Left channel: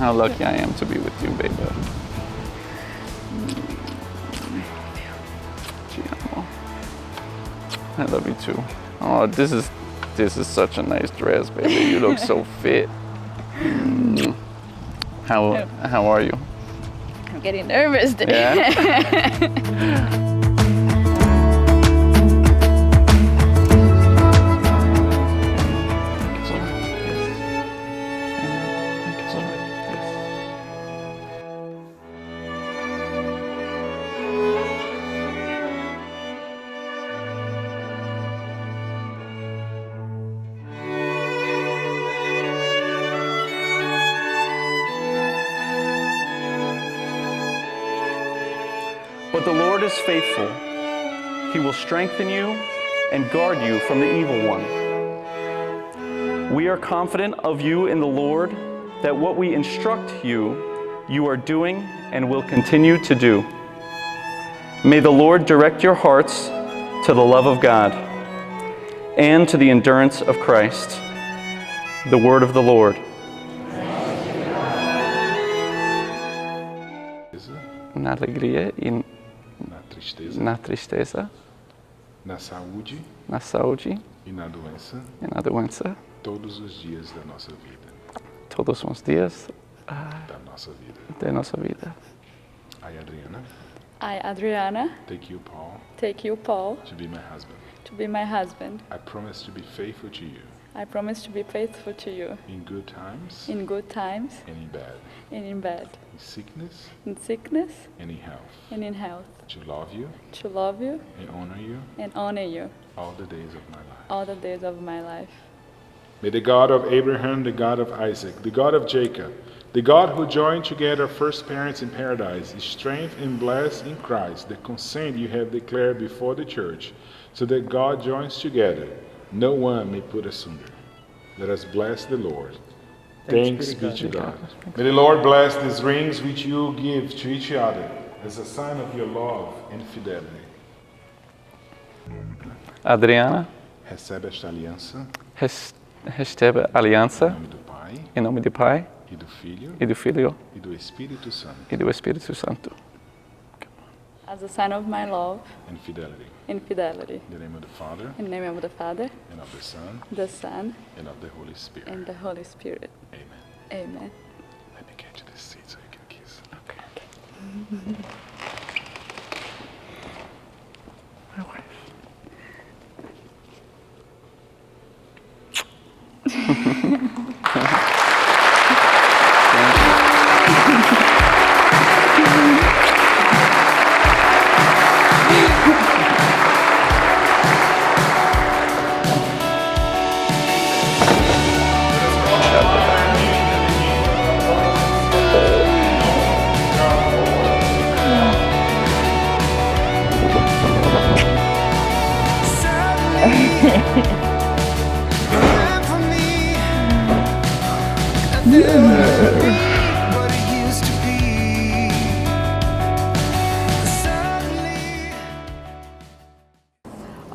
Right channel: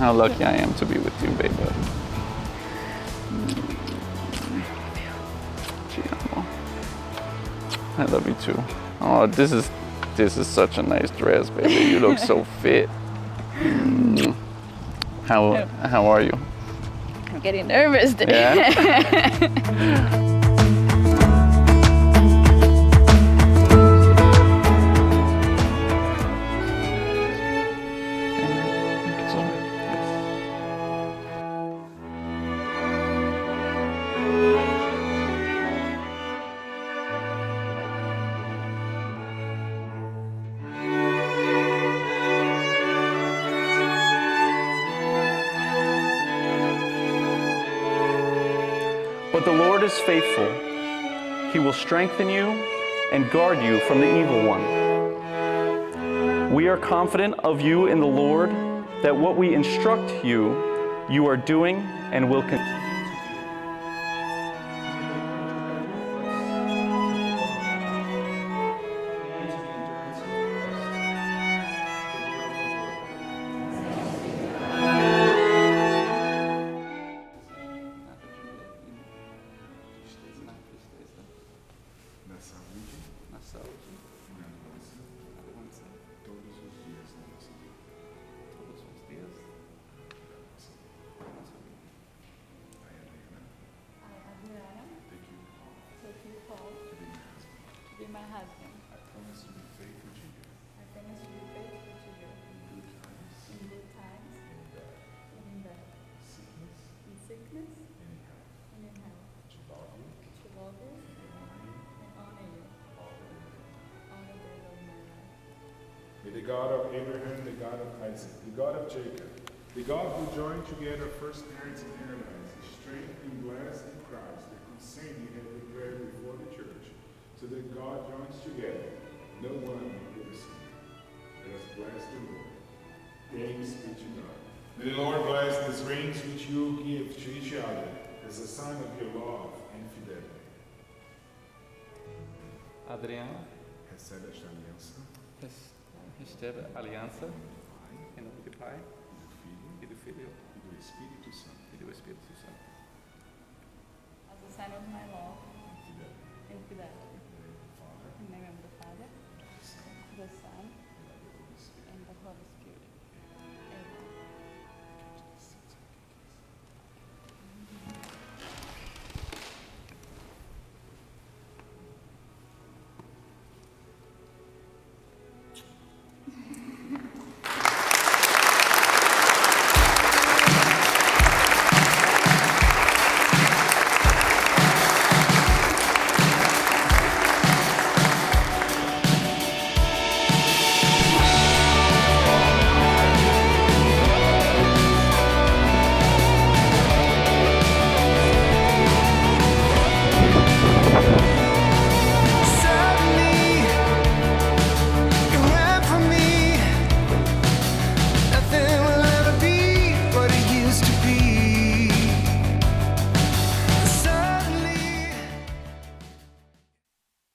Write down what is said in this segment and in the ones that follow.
How lucky I am to be with you, baby. Te amo. I love you too. Oh, this is such a nice dress, baby. You look so fit. How are you? I'm getting nervous. Yeah. But the Lord is faithful. He will strengthen you and guard you from the evil one. We are confident of you in the Lord, that what we instruct you, you are doing and will continue to do. May the Lord direct your hearts to the love of God and to the endurance of Christ. The word of the Lord. Na alegria e na tristeza, na saúde e na doença, todos os dias da nossa vida. I, Adriana, take you, Paul, to be my husband. I promise to be faithful to you. In good times. And in bad. In sickness. And in health. To love you. And honor you. All the days of my life. May the God of Abraham, the God of Isaac, the God of Jacob, the God who joined together first parents in paradise, strength and bless in Christ the consent you have declared before the church, so that God joins together, no one may put asunder. Let us bless the Lord. Thanks be to God. May the Lord bless these rings which you give to each other as a sign of your love and fidelity. Adriana, recebe esta aliança recebe a aliança em nome do Pai, e do Filho e do Espírito Santo. As a sign of my love and fidelity. In fidelity. In the name of the Father, in the name of the Father, and of the Son, and of the Holy Spirit. Amen. Amen. Let me get you this seat so you can kiss. Okay. My wife.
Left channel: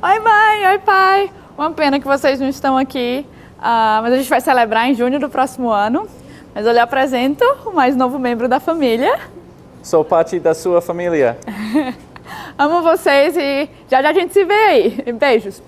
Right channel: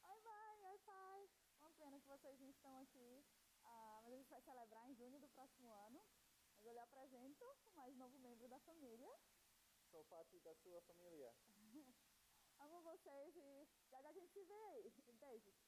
Oi, mãe! Oi, pai! Uma pena que vocês não estão aqui, mas a gente vai celebrar em junho do próximo ano. Mas eu lhe apresento o mais novo membro da família. Sou parte da sua família. Amo vocês e já a gente se vê aí. Beijos!